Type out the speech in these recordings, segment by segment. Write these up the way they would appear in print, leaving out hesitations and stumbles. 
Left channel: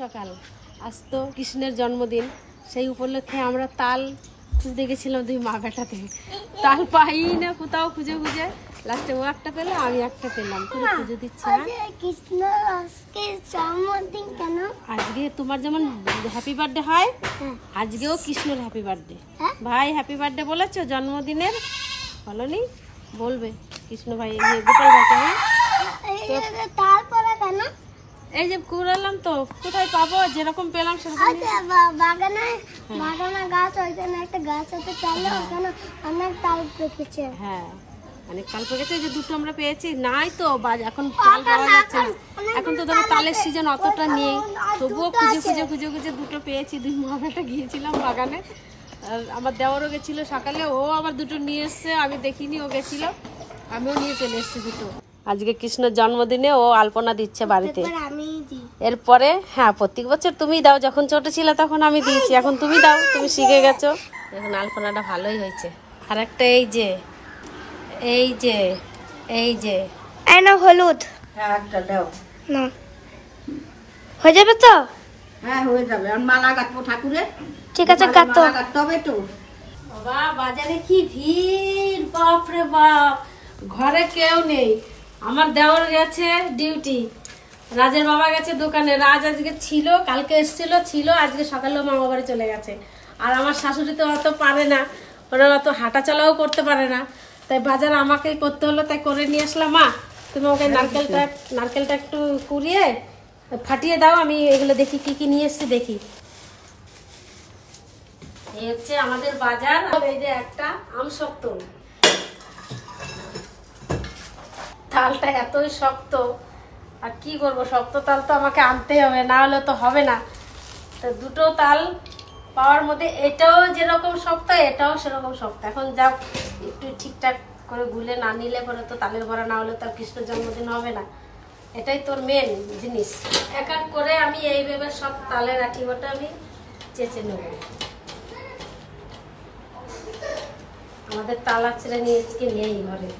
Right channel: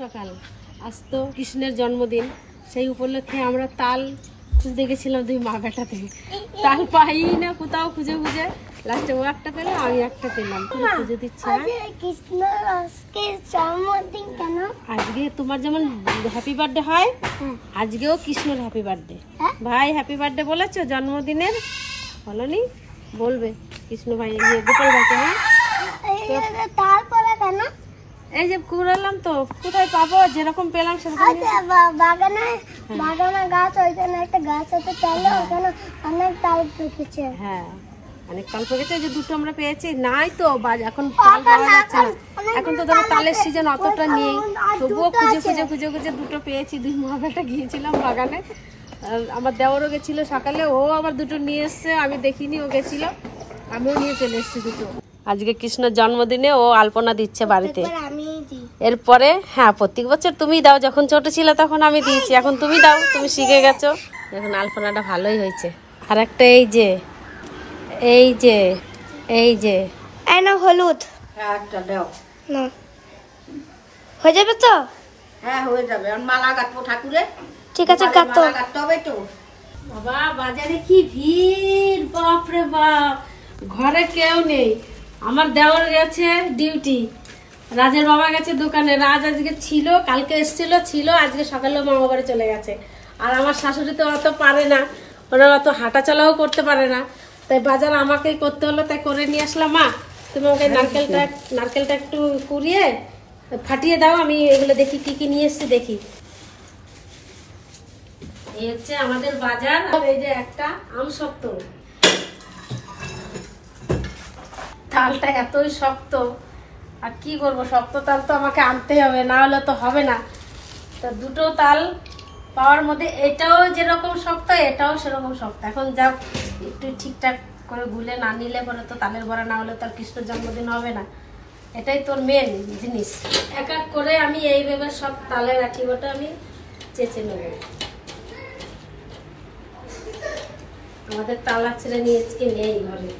সকাল। আজ তো কৃষ্ণের জন্মদিন, সেই উপলক্ষে আমরা তাল খুঁজতে গেছিলাম দুই মা বেটাতে। তাল পাই না কোথাও, খুঁজে খুঁজে লাস্টে ও একটা পেলো, আমি একটা পেলাম। খুঁজে দিচ্ছে জন্মদিন কেন? আজকে তোমার যেমন হ্যাপি বার্থডে হয়, আজকেও কৃষ্ণর হ্যাপি বার্থডে। ভাই হ্যাপি বার্থডে বলেছো জন্মদিনের? বলনি? বলবে কৃষ্ণ ভাই, গোপাল ভাইকে। হ্যাঁ তারপরে কেন? এই যে কুড়ালাম তো, কোথায় পাবো? যেরকম পেলাম সেরকম। বাগানে গাছ, ওইখানে একটা গাছ আছে, তাহলে ওখানে অনেক তাল পেকেছে। হ্যাঁ অনেক তাল পেকেছে, যে দুটো আমরা পেয়েছি। নাই তো এখন তাল পাওয়া যাচ্ছে না, এখন তো ধরো তালের সিজন অতটা নেই, তবুও খুঁজে খুঁজে খুঁজে খুঁজে দুটো পেয়েছি। দুই মা বেটা গিয়েছিলাম বাগানে, আর আমার দেওয়ারও গেছিল সকালে, ও আবার দুটো নিয়ে এসছে, আমি দেখিনি, ও গেছিল, আমিও নিয়ে চলে এসেছি দুটো। আজকে কৃষ্ণের জন্মদিনে ও আলপনা দিচ্ছে বাড়িতে। এরপরে হ্যাঁ প্রত্যেক বছর তুমি দাও, যখন ছোট ছিল তখন আমি দিয়েছি, এখন তুমি দাও, তুমি শিখে গেছো। এখন আলপনাটা ভালোই হয়েছে। আর একটা এই যে এই যে এই যে না হলুদ, একটা দাও না হয়ে যাবে তো? হ্যাঁ হয়ে যাবে। আর মালা গাঁথবো ঠাকুরের। ঠিক আছে, গাঁথো। গাঁথতে হবে তো। বাবা বাজারে কি ভিড়, বাপ রে বাপ, ঘরে কেউ নেই। আমার দেওয়ার গেছে ডিউটি, রাজের বাবা গেছে দোকানে। রাজ আজকে ছিল, কালকে এসেছিল, ছিল, আজকে সকালে মামা বাড়ি চলে গেছে। আর আমার শাশুড়ি তো অত পারে না, ওরা অত হাঁটা চলাও করতে পারে না, তাই বাজার আমাকেই করতে হলো, তাই করে নিয়ে আসলাম। মা তুমি ওকে নারকেলটা একটু কুড়িয়ে ফাটিয়ে দাও, আমি এগুলো দেখি কি কি নিয়ে এসছি দেখি। এই হচ্ছে আমাদের বাজার। এই যে একটা আম শক্ত, তালটা এতই শক্ত, আর কি করবো, শক্ত তাল তো আমাকে আনতেই হবে, না হলে তো হবে না। তো দুটো তাল পাওয়ার মধ্যে এটাও যেরকম শক্ত, এটাও সেরকম শক্ত। এখন যা একটু ঠিকঠাক করে গুলে না নিলে পরে তো তালের বড়া না হলে তার কৃষ্ণের জন্মদিন হবে না, এটাই তোর মেন জিনিস। এক এক করে আমি এইভাবে সব তালের আঠি বটা আমি চেঁচে নেব। আমাদের তালা ছেড়ে নিয়ে আজকে নেই ঘরে।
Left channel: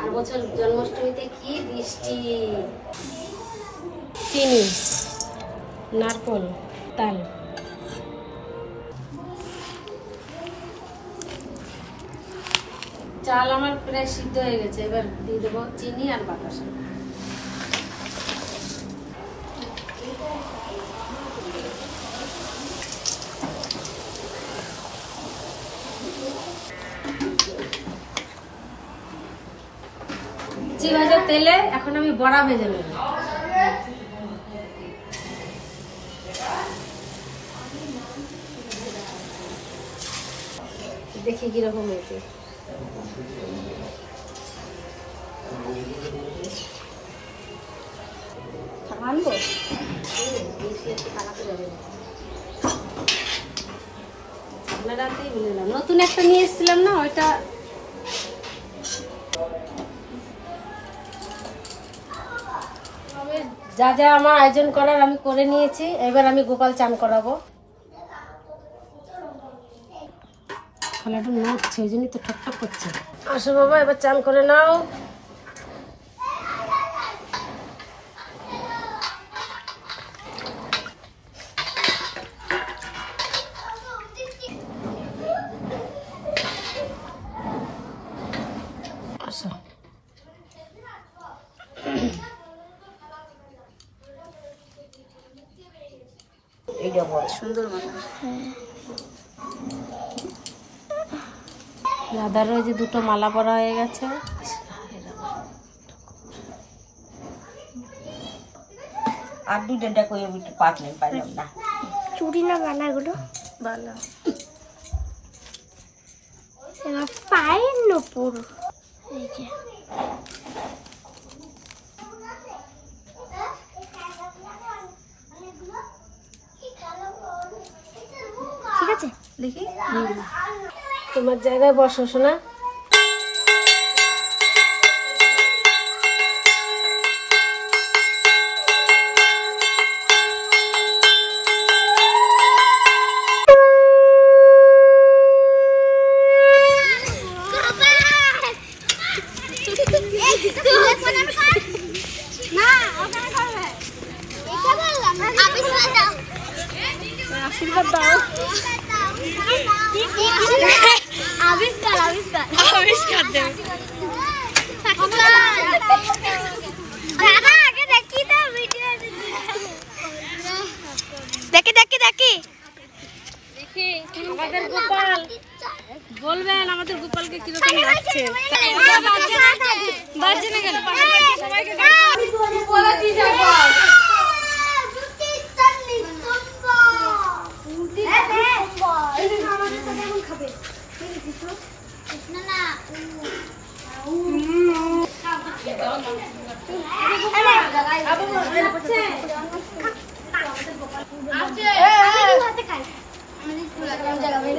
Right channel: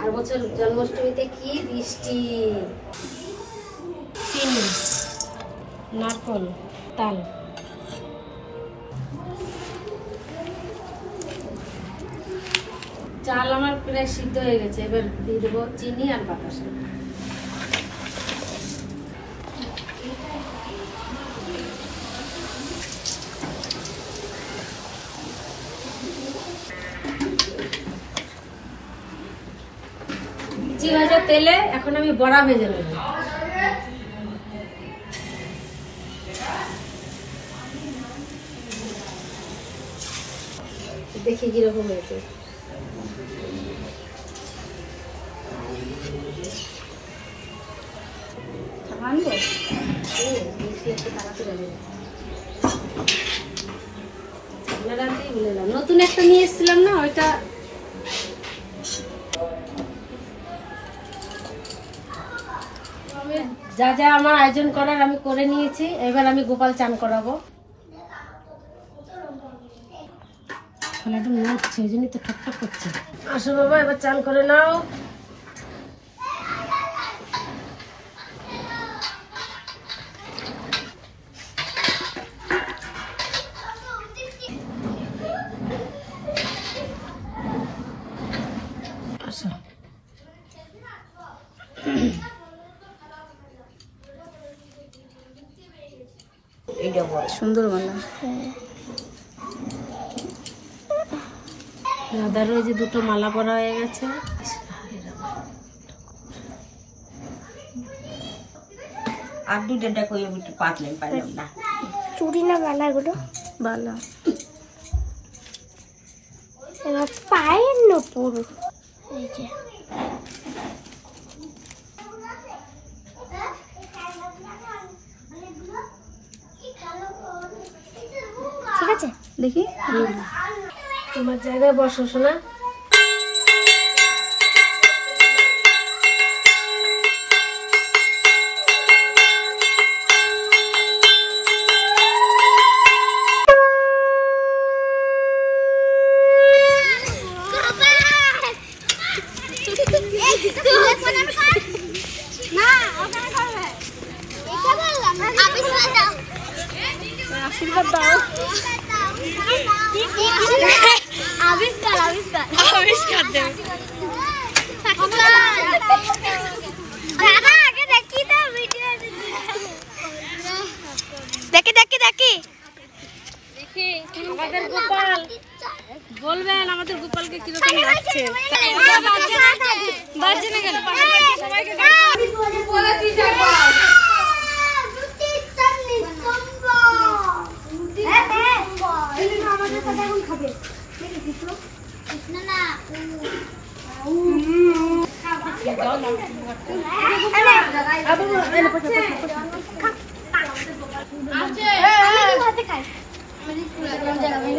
আর বছর জন্মাষ্টমীতে কি বৃষ্টি। চিনি, নারকল, তাল, চাল আমার প্রায় সিদ্ধ হয়ে গেছে। এবার দিয়ে দেবো চিনি আর বাতাসা। ভাজা তেলে এখন আমি বড়া ভেজে নেব। দেখি কিরকম হয়েছে। নতুন একটা নিয়ে এসেছিলাম না, ওইটা যা যা আমার আয়োজন করার আমি করে নিয়েছি। এবার আমি গোপাল চান করাবো। নড়ছে, ওই জন্যই তো ঠকঠক করছে। আসো বাবা, এবার চান করে নাও। আসো। সুন্দর মালা। দাদার ওই যে দুটো মালা পরা হয়ে গেছে। আর দুইটা করে পারলাম না। চুড়ি না বালা গুলো? বালা। এবার পায়ের নপুর। এই যে ঠিক আছে, দেখি তোমার জায়গায় বসো শোনা। আশীর্বাদ দাও। আবিষ্কার আবিষ্কার আবিষ্কার দেবে। দাদা আগে দেখি তো ভিডিও দেখি দেখি দেখি দেখি আমাদের গোপাল বলবেন আমাদের গোপালকে কিরকম লাগছে। বাজছে না কেন? সবাইকে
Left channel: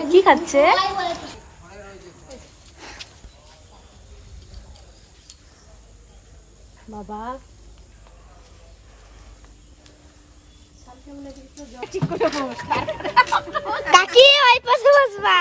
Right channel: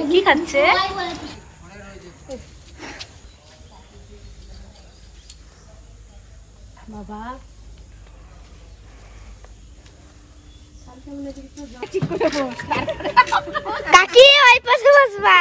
কি খাচ্ছে? বাবা কাকি ওই পাশে বসবা।